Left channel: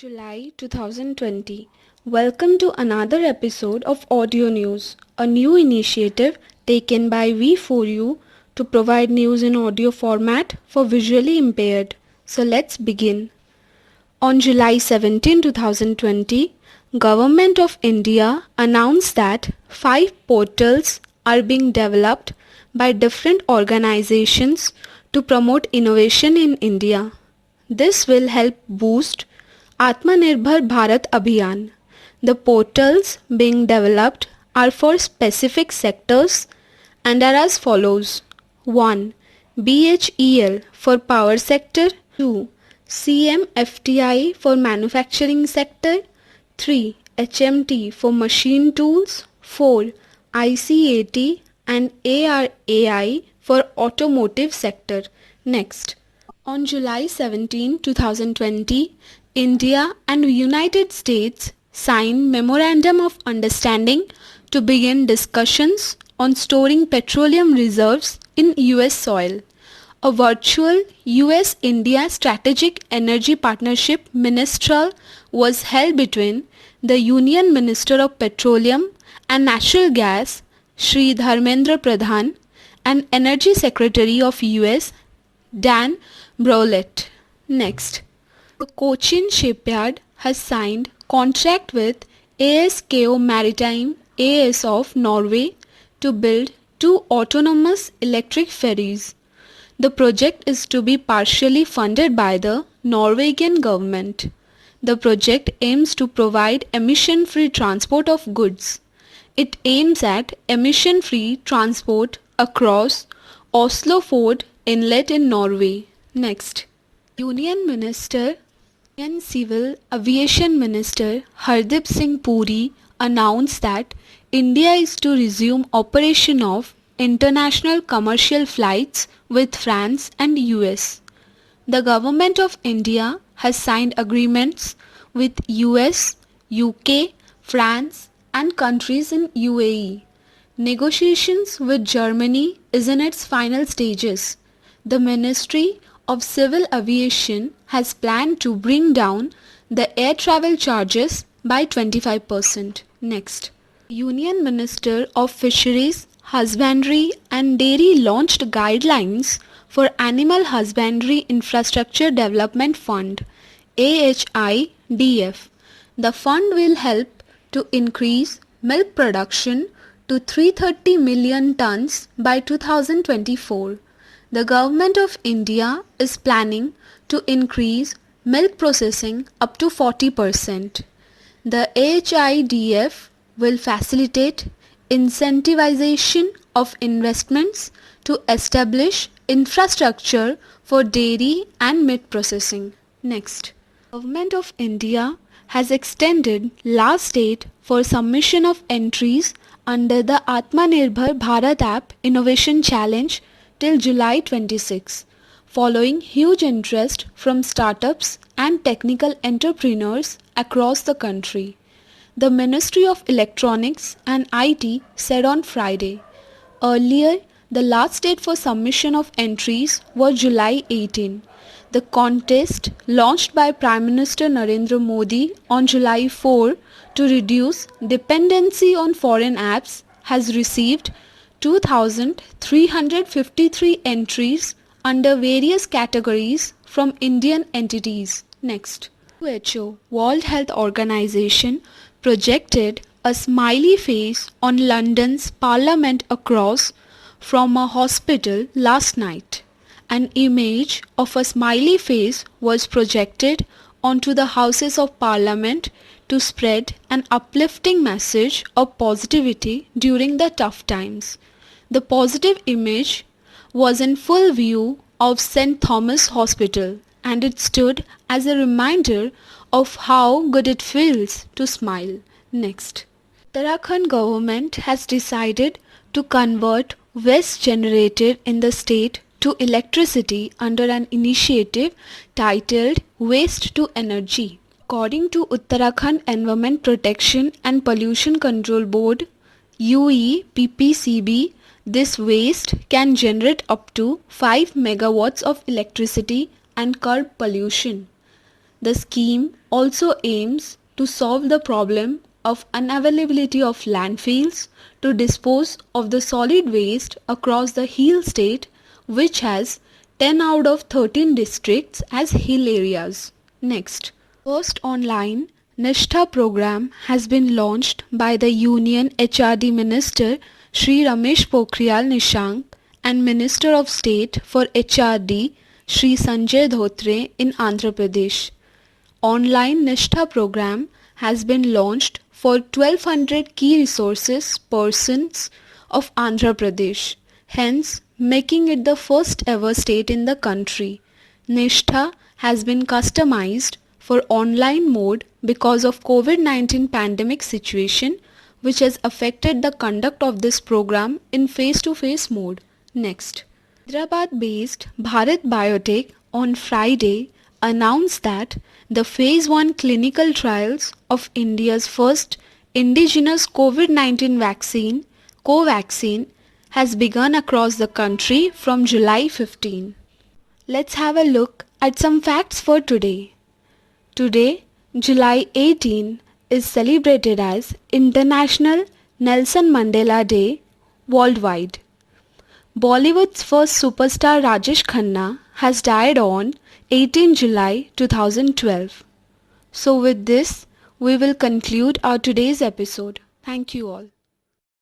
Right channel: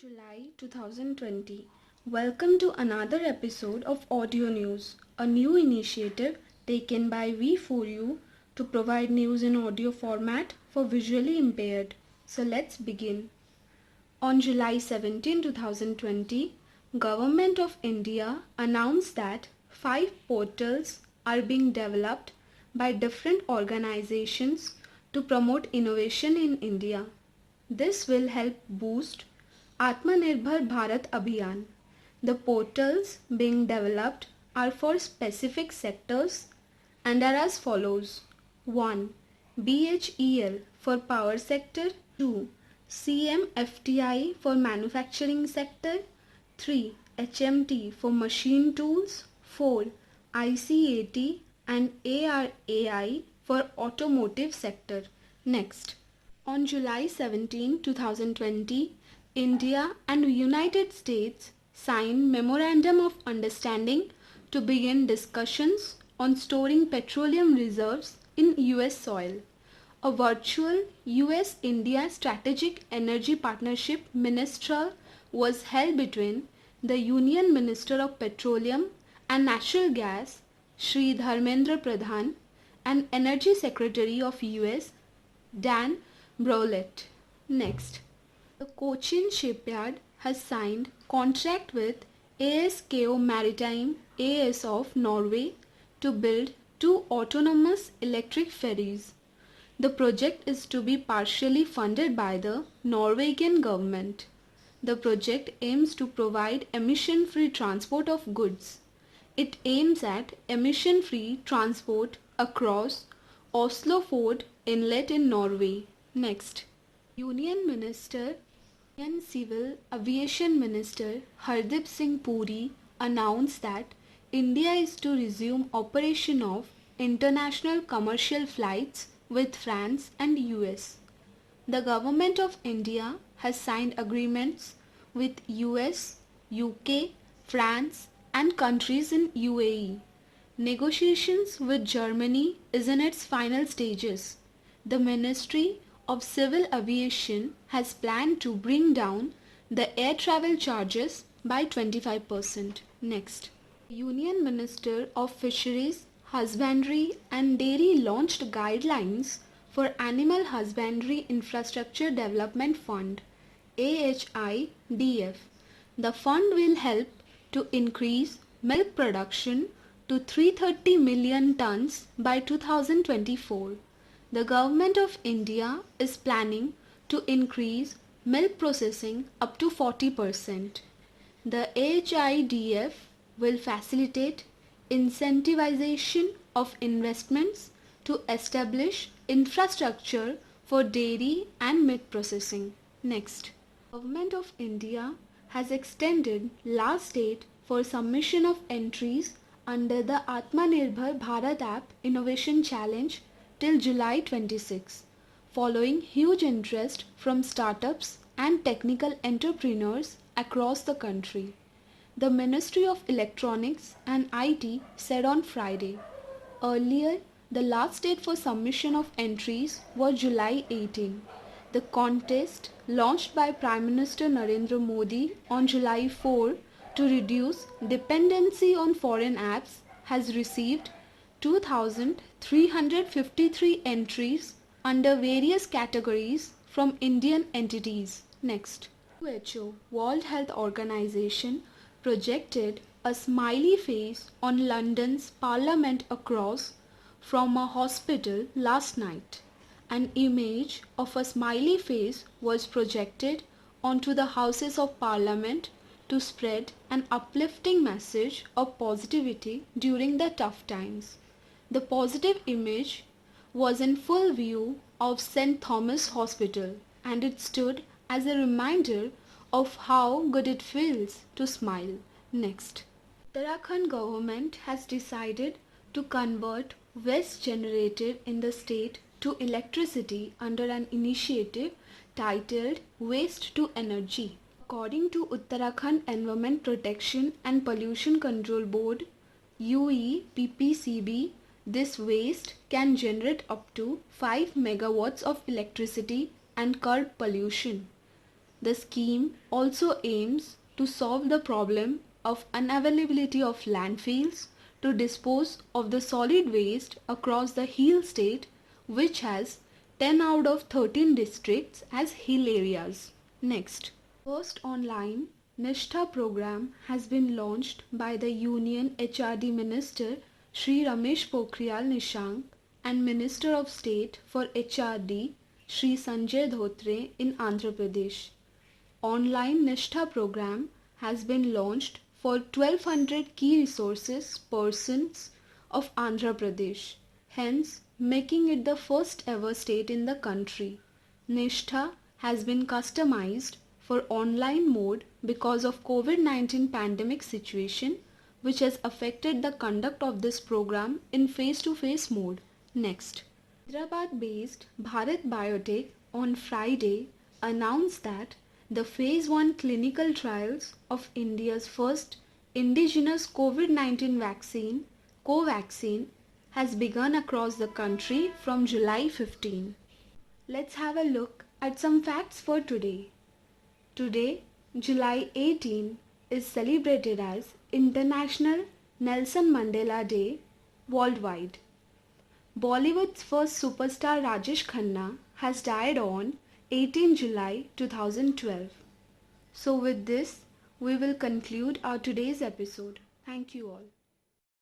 July 2020. Welcome to another episode of Audio News, a new initiative taken by We4U to provide news in audio format for visually impaired. So let's begin. On July 17, 2020, Government of India announced that 5 portals are being developed by different organizations to promote innovation in India. This will help boost Atmanirbhar Bharat Abhiyan. The portals being developed are for specific sectors and are as follows. 1. BHEL for power sector. 2. CMFTI for manufacturing sector. 3. HMT for machine tools. 4. ICAT and ARAI for automotive sector. Next. On July 17, 2020, India and United States signed Memorandum of Understanding to begin discussions on storing petroleum reserves in US soil. A virtual US-India Strategic Energy Partnership Ministerial was held between the Union Minister of Petroleum and Natural Gas, Shri Dharmendra Pradhan, and Energy Secretary of US, Dan Brouillette. Next. The Cochin Shipyard has signed contract with ASKO Maritime AS of Norway to build 2 autonomous electric ferries. The project is to be partially funded by the Norwegian government. The project aims to provide emission-free transport of goods. It aims at emission-free transport across Oslofjord Inlet in Norway. Next. Union Minister Indian Civil Aviation Minister Hardip Singh Puri announced that India is to resume operation of international commercial flights with France and US. The Government of India has signed agreements with US, UK, France and countries in UAE. Negotiations with Germany is in its final stages. The Ministry of Civil Aviation has planned to bring down the air travel charges by 25%. Next. Union Minister of Fisheries, Husbandry and Dairy launched guidelines for Animal Husbandry Infrastructure Development Fund AHIDF. The fund will help to increase milk production to 330 million tons by 2024. The Government of India is planning to increase milk processing up to 40%. The AHIDF will facilitate incentivization of investments to establish infrastructure for dairy and meat processing. Next. Government of India has extended last date for submission of entries under the Atmanirbhar Bharat App Innovation Challenge till July 26, following huge interest from startups and technical entrepreneurs across the country. The Ministry of Electronics and IT said on Friday. Earlier, the last date for submission of entries was July 18. The contest, launched by Prime Minister Narendra Modi on July 4 to reduce dependency on foreign apps, has received 2,353 entries under various categories from Indian entities. Next. WHO, World Health Organization, projected a smiley face on London's Parliament Across from a hospital last night. An image of a smiley face was projected onto the Houses of Parliament to spread an uplifting message of positivity during the tough times. The positive image was in full view of St. Thomas Hospital, and it stood as a reminder of how good it feels to smile. Next. Uttarakhand government has decided to convert waste generated in the state to electricity under an initiative titled Waste to Energy. According to Uttarakhand Environment Protection and Pollution Control Board UEPPCB, this waste can generate up to 5 megawatts of electricity and curb pollution. The scheme also aims to solve the problem of unavailability of landfills to dispose of the solid waste across the hill state, which has 10 out of 13 districts as hill areas. Next, first online Nishtha program has been launched by the Union HRD Minister Shri Ramesh Pokhriyal Nishank and Minister of State for HRD Shri Sanjay Dhotre in Andhra Pradesh. Online Nishtha program has been launched for 1200 key resources persons of Andhra Pradesh, hence making it the first ever state in the country. Nishtha has been customized for online mode because of COVID-19 pandemic situation which has affected the conduct of this program in face-to-face mode. Next, Hyderabad-based Bharat Biotech on Friday announced that the Phase 1 clinical trials of India's first indigenous COVID-19 vaccine, Covaxin, has begun across the country from July 15. Let's have a look at some facts for today. Today, July 18, is celebrated as International Nelson Mandela Day worldwide. Bollywood's first superstar Rajesh Khanna has died on 18 July 2012. So with this, we will conclude our today's episode. Thank you all.